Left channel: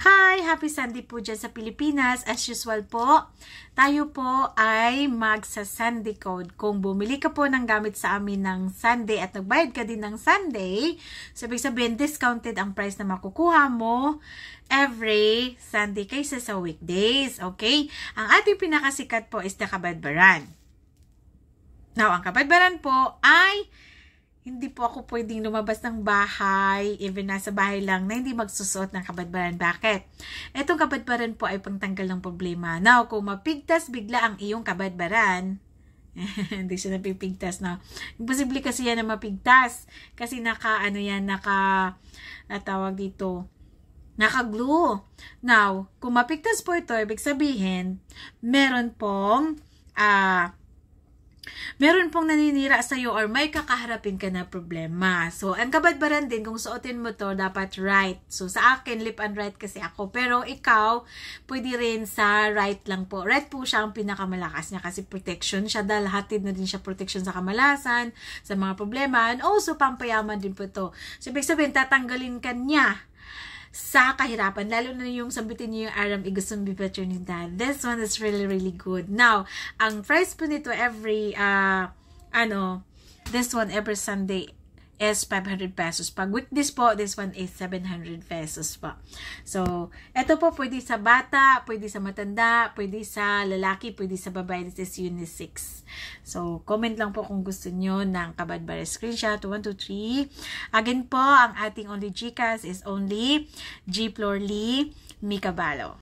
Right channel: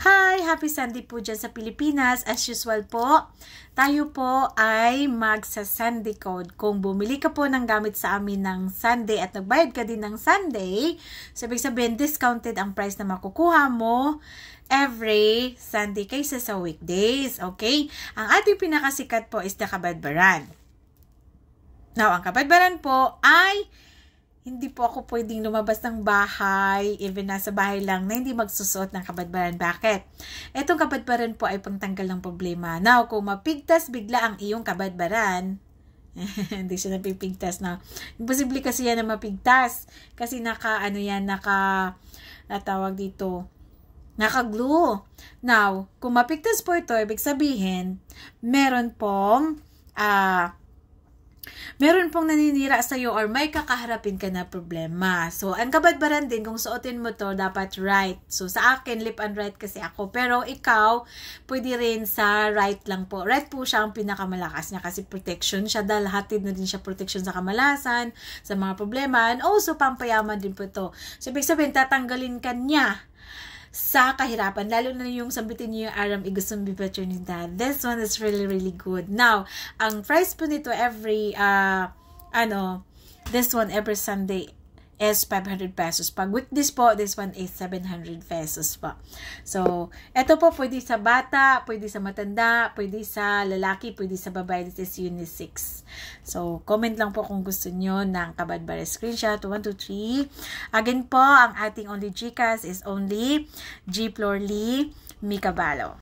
Hi! Happy Sunday po dyan sa Pilipinas. As usual po, tayo po ay magsa-Sunday code. Kung bumili ka po ng gamit sa amin ng Sunday at nagbayad ka din ng Sunday, so ibig sabihin discounted ang price na makukuha mo every Sunday kaysa sa weekdays. Okay? Ang ating pinakasikat po is the Kabadbaran. Now, ang Kabadbaran po ay hindi po ako pwedeng lumabas ng bahay, even nasa bahay lang, na hindi magsusuot ng kabadbaran. Bakit? Itong kabadbaran po ay pangtanggal ng problema. Now, kung mapigtas bigla ang iyong kabadbaran, hindi siya napipigtas na. Imposible kasi yan na mapigtas. Kasi natawag dito, naka-glue. Now, kung mapigtas po ito, ibig sabihin, meron pong naninira sa iyo or may kakaharapin ka na problema. So, ang kabadbaran din, kung suotin mo to, dapat right. So, sa akin, lip and right kasi ako. Pero ikaw, pwede rin sa right lang po. Right po siya ang pinakamalakas niya kasi protection siya. Dahil hatid na din siya protection sa kamalasan, sa mga problema. And also, pampayaman din po ito. So, ibig sabihin, tatanggalin ka niya sa kahirapan, lalo na yung sambitin niyo yung aram igusong bipaternidad. This one is really, really good. Now, ang price po nito every, this one every Sunday is 500 pesos. Pag weekdays po, this one is 700 pesos po. So, ito po pwede sa bata, pwede sa matanda, pwede sa lalaki, pwede sa babae. This is unisex. So, comment lang po kung gusto nyo ng kabadbara screenshot. 1, 2, 3. Again po, ang ating only GCash is only G. Florly Micabalo.